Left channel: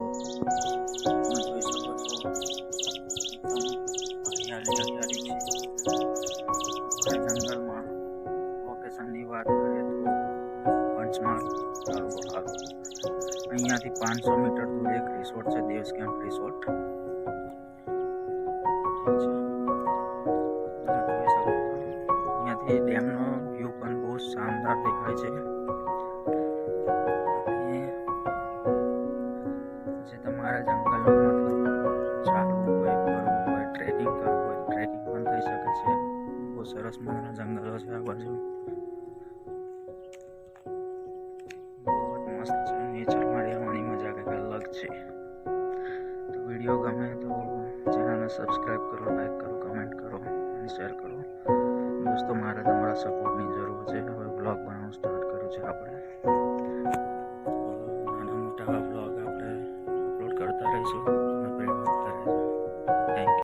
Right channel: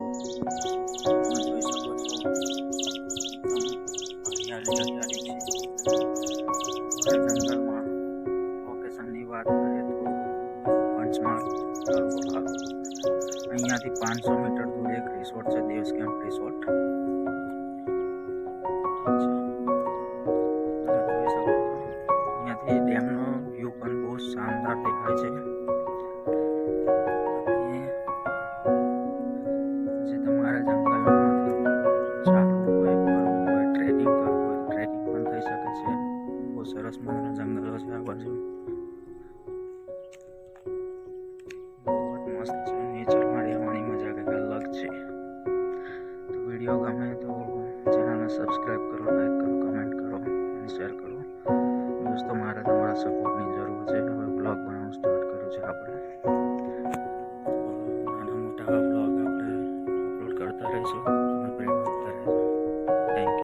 તમે જોઈ શકો છો એકદમ હરિયાળી છે. જંગલમાં લોકેશનની વાત કરીએ તો પંચમહાલ તાલુકો ખાલો. અહીંયાથી 500 મીટર દૂર એક રિસોર્ટ છે, દેવ્સ કેમ્પ રિસોર્ટ. તમે જોઈ શકો છો અહીંયાથી ડેમનો વ્યૂ પણ બહુ શાનદાર દેખાય છે. અને જે તમારા જંગલમાં મતલબ ચાલવું હોય, ફરવું હોય, ટ્રેકિંગ કરવું હોય તો ટ્રેકિંગ પણ થઈ શકે છે. બહુ સરસ મજાના જંગલો છે આ બાજુ. બહુ જ મસ્ત છે. નેચરમાં રહેવાની મજા કંઈક અલગ છે. તો વિડીયો ગમે તો ચેનલને સબસ્ક્રાઈબ કરો, લાઈક કરો, કમેન્ટ કરો અને શેર કરો. દોસ્તો, મારે તમારા સપોર્ટની જરૂર છે. હવે બ્લોગ બનાવવાનું સ્ટાર્ટ કર્યું છે આપણે. નાના મોટા બ્લોગ આપણે અપલોડ કરતા રહીશું. તમે પ્રેમ